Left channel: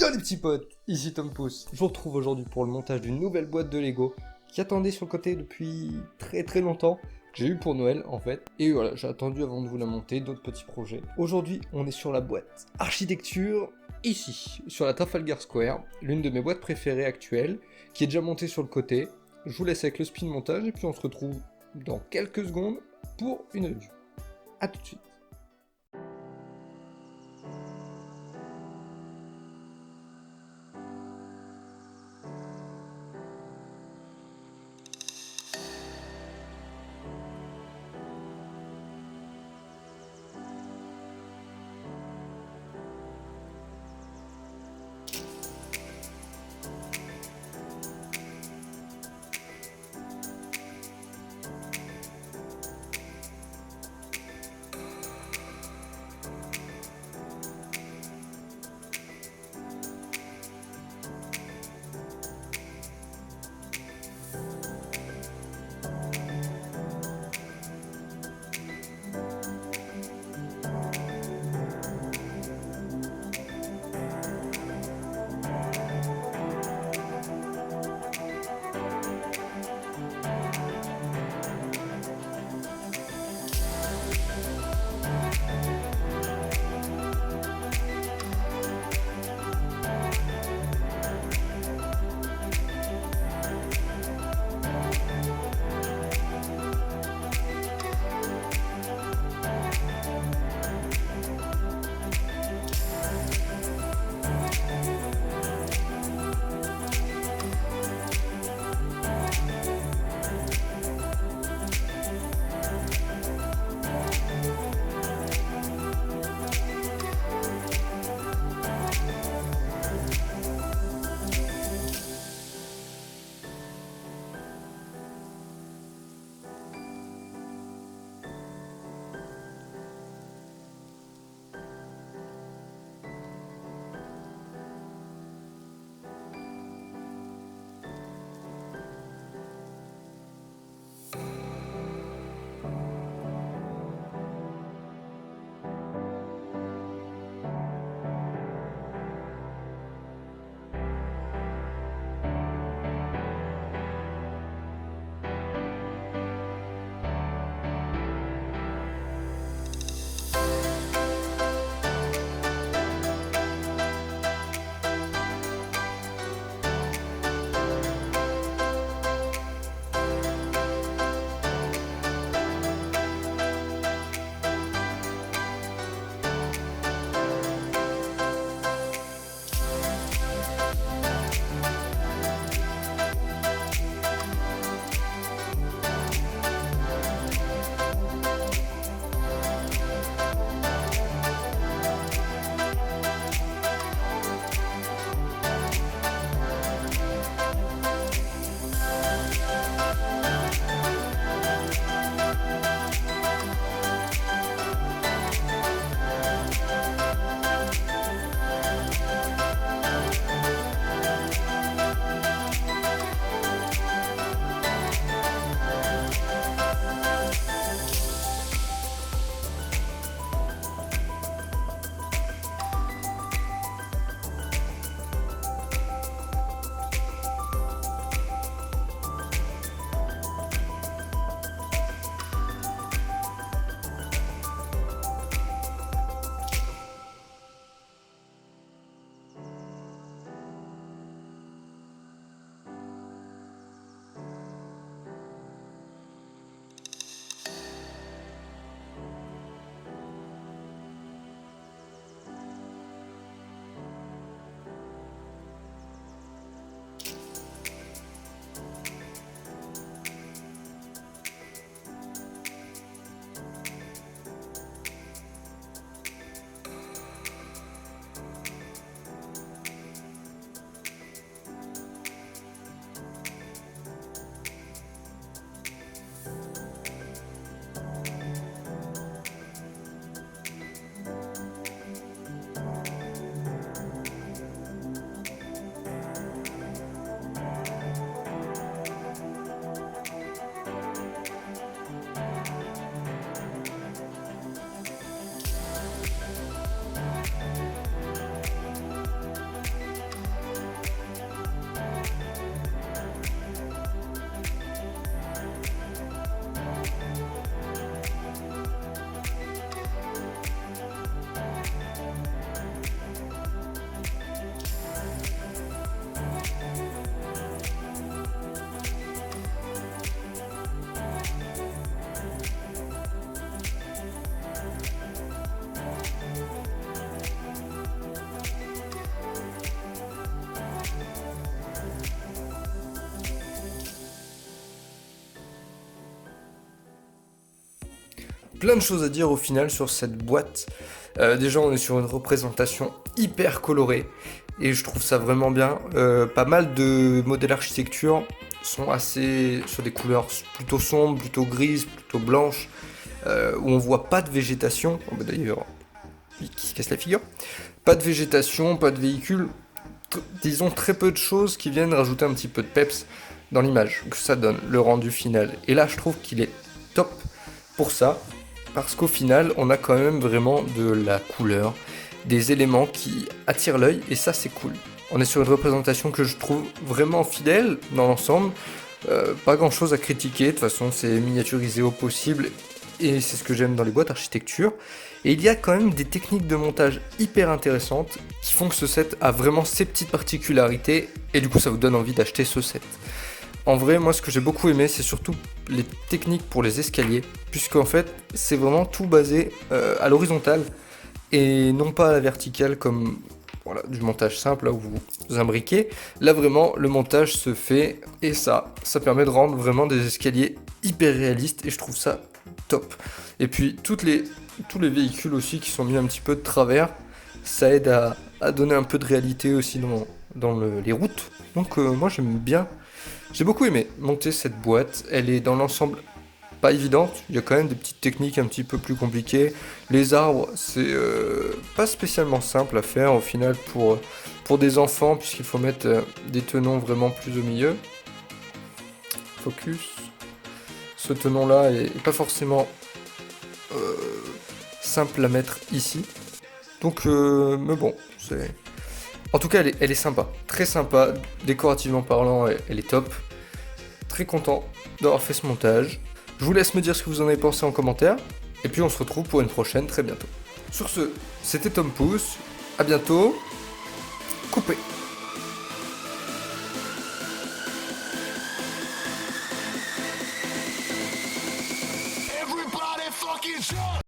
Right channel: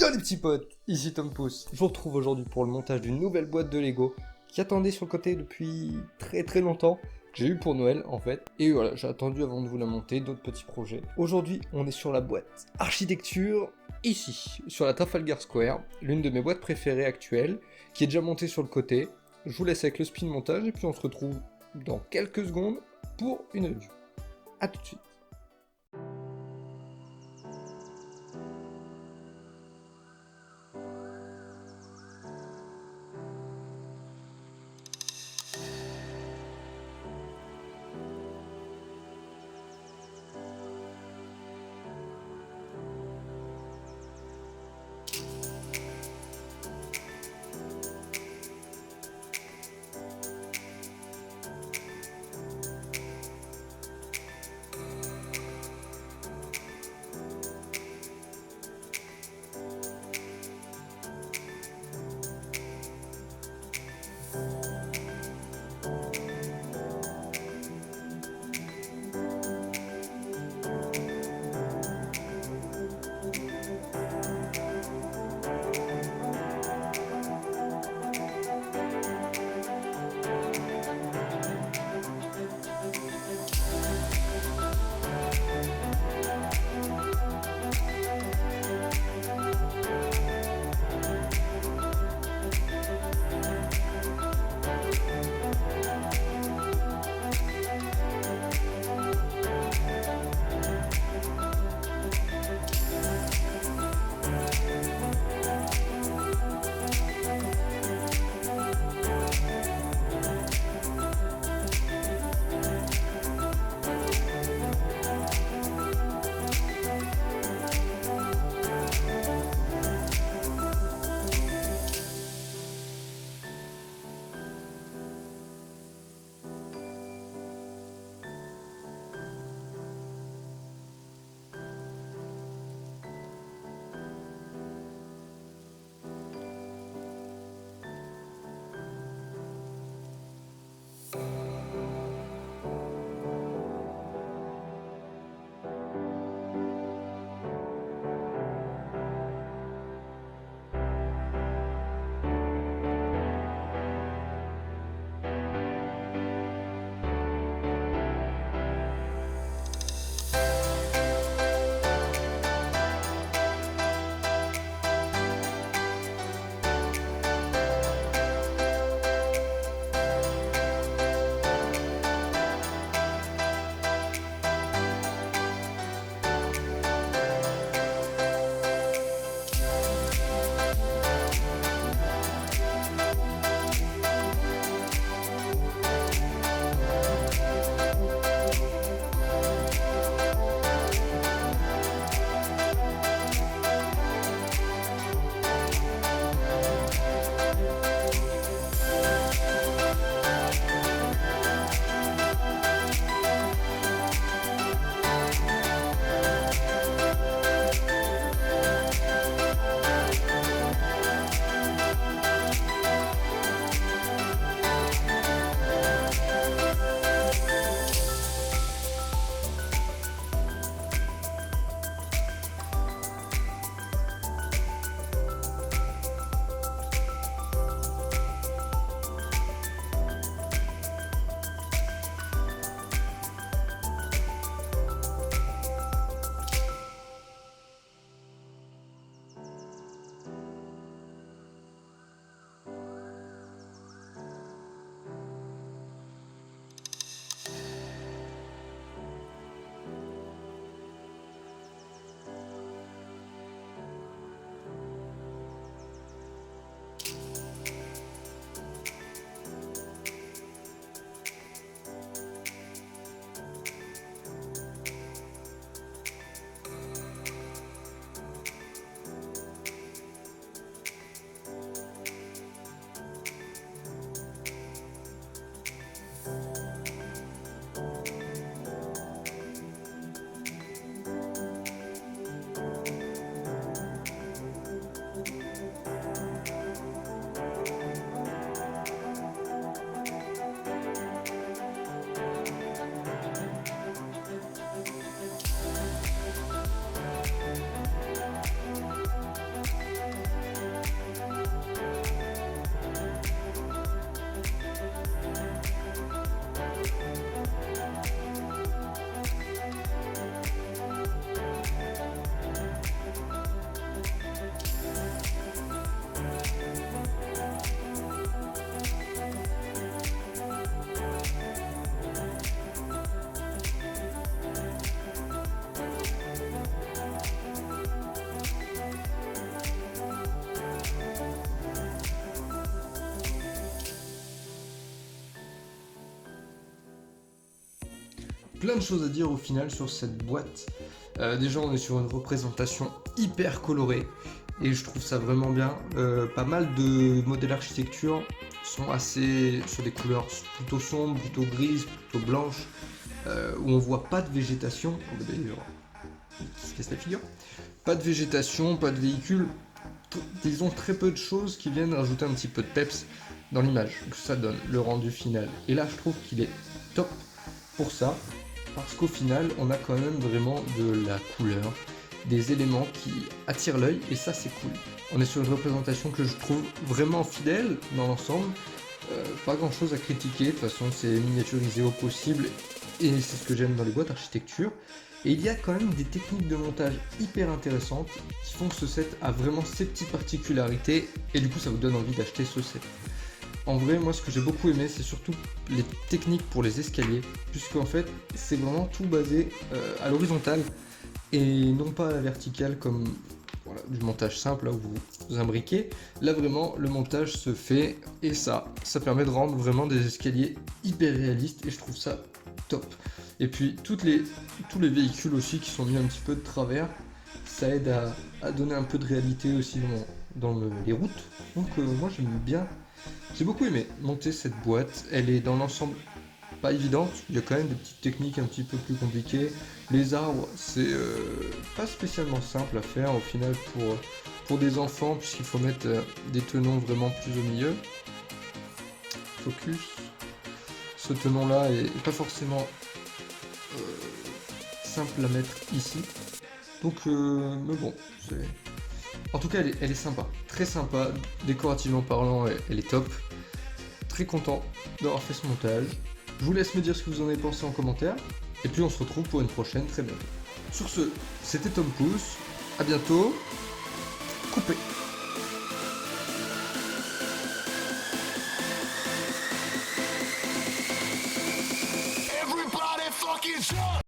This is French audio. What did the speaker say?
Yo les petits potes, ici Tom Pouce. Je vous retrouve aujourd'hui pour le montage d'une nouvelle boîte de Lego qui attendait sur le côté depuis très longtemps. J'ai eu pour Noël en fait, et voilà, j'ai attendu avant de vous la monter, d'autres petits projets. Aujourd'hui, on est sur la boîte architecture, ici, sur la Trafalgar Square, l'une de mes boîtes préférées actuelles, qui est déjà montée sur le côté. Je vous laisse avec le spin montage, et puis on se retrouve dans quelques secondes pour une review. A tout de suite. plein de choses à dire au final sur cette boîte. Déjà, on est sur une représentation hyper colorée et je trouve ça vraiment bien. Pas mal de modèles architecture sont assez sur des couleurs plutôt sombres, plutôt grises, plutôt blanches, où on voit pas de végétation. Oh, bah, d'ailleurs, qui se casse la figure. Pas de végétation, pas de véhicule. Disons très peu de choses qui viennent rajouter un petit peu de peps dans l'image que ça donne, le rendu final. Et là, je trouve qu'il est top pour ça, parce qu'au final, on a quand même vraiment de la couleur, des éléments qui attirent l'œil, et ça, c'est cool. On est sur une représentation que je trouve vraiment fidèle dans l'ensemble. Pas grand chose à critiquer, de toute façon, c'est miniaturisé au possible, et c'est ce que j'aime dans les boîtes architecture. Et il y a quand même des techniques de montage hyper intéressantes qui font que ce set a vraiment ses petites particularités, et du coup, ça vous donne envie d'acheter ce set. En vrai, moi, ce que j'ai beaucoup aimé, c'est surtout les techniques pour les escaliers, puisqu'en fait, c'est vraiment tout basé à l'horizontale et non pas à la verticale comme voilà, du montage simple, là où vous imbriquez. Là, vraiment, le montage se fait et ça permet de rendre vraiment des escaliers hyper réalistes et je trouve ça top. Et puis, tous les véhicules aussi qui sont mis un petit peu de travers, ça aide à donner un peu de réalité aussi dans les routes. Donc, moi, j'aime bien. J'ai beaucoup aimé monter cette boîte, elle est dans l'ensemble pas évidente, il y a quand même des petites techniques un petit peu plus compliquées. Les arbres, c'est pas spécialement simple à faire au final pour des enfants, puisqu'il faut mettre des tenons vraiment plus au milieu. Focus. Ce tenon-là est pas forcément simple à mettre ici. Donc, mais bon, c'est... En tout cas, elle est sympa, très sympa, décorativement parlant, elle est top. Très content d'avoir fait ce montage. Je vous laisse me dire ce que vous en avez pensé en commentaire. Et puis on se retrouve pour une prochaine très bientôt. Sur ce, c'était Tom Pouce. À bientôt. Coupé.